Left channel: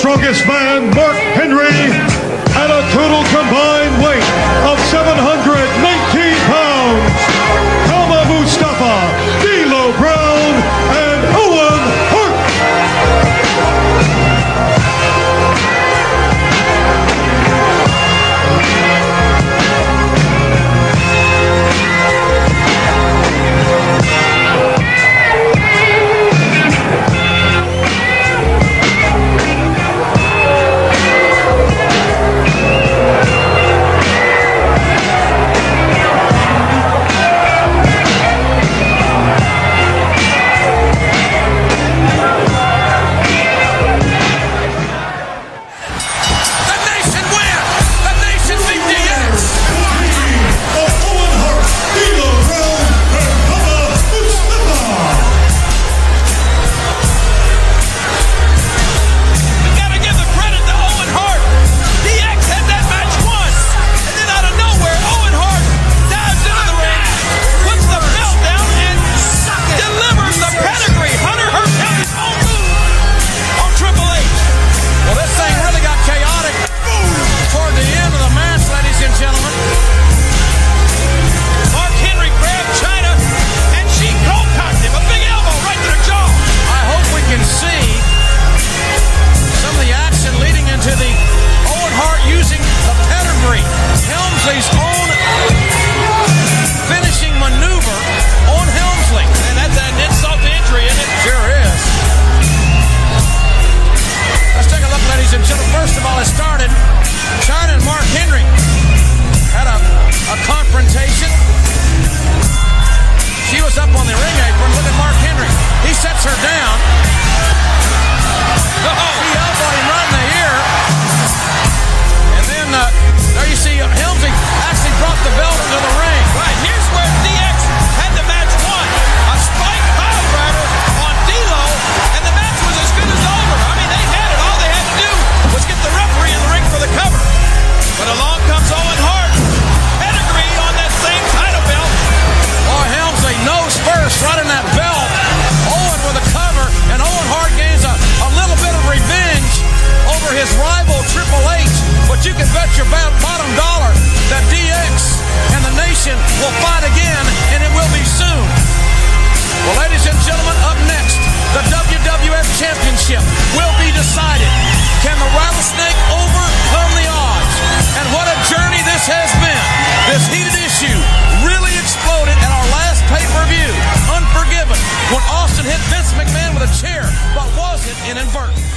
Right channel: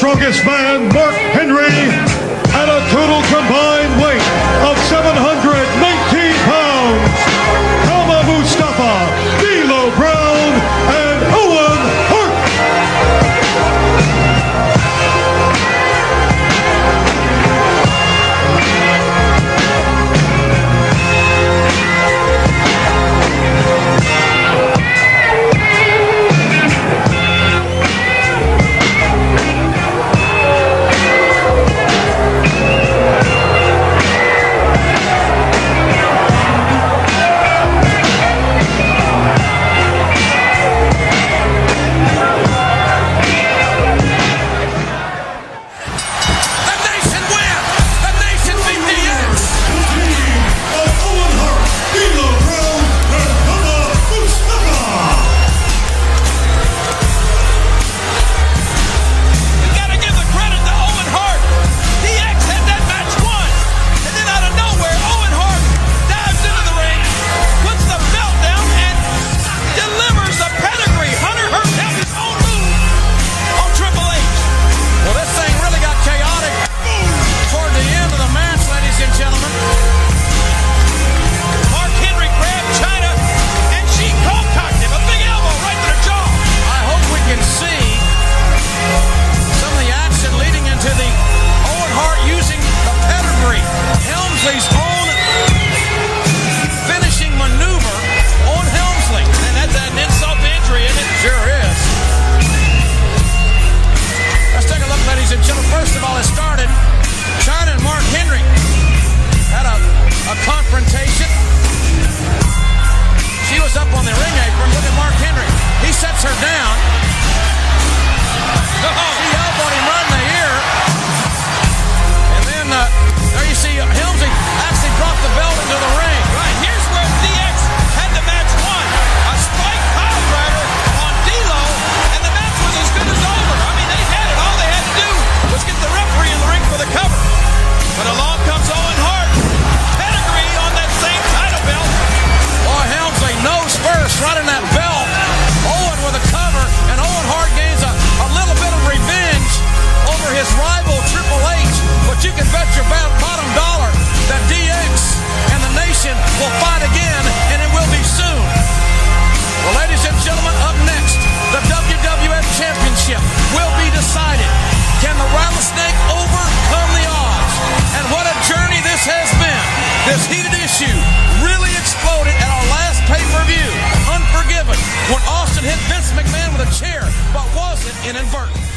strongest man, Mark Henry, at a total combined weight of 719 pounds, Kama Mustafa, D'Lo Brown, and Owen Hart. Helmsley's own finishing maneuver on Helmsley. And that's an insult to injury, and it sure is. Let's take a look, ladies and gentlemen. First of all, it started. China and Mark Henry had a confrontation. She was up on the ring apron. Look at Mark Henry. He sets her down. He helped when he run the ear. And then there you see Helmsley actually brought the belt into the ring. Right, here's where DX had the match won. A spike pile driver on D'Lo, and the match was as good as over. I mean, they had it. All they had to do was get the referee in the ring for the cover. But along comes Owen Hart. Pedigree on that same title belt. Oh, Helmsley nose first, running that belt. Owen with a cover, and Owen Hart gains a little bit of revenge over his rival Triple H. But you can bet your bottom dollar that DX and the Nation will fight again, and it will be soon. Well, ladies and gentlemen, up next, the WWF Championship will be decided. Can the Rattlesnake overcome the odds? And what a journey this has been. This heated issue really exploded at our last pay-per-view. Unforgiven when Austin hit Vince McMahon with a chair, but wasn't inadvertent.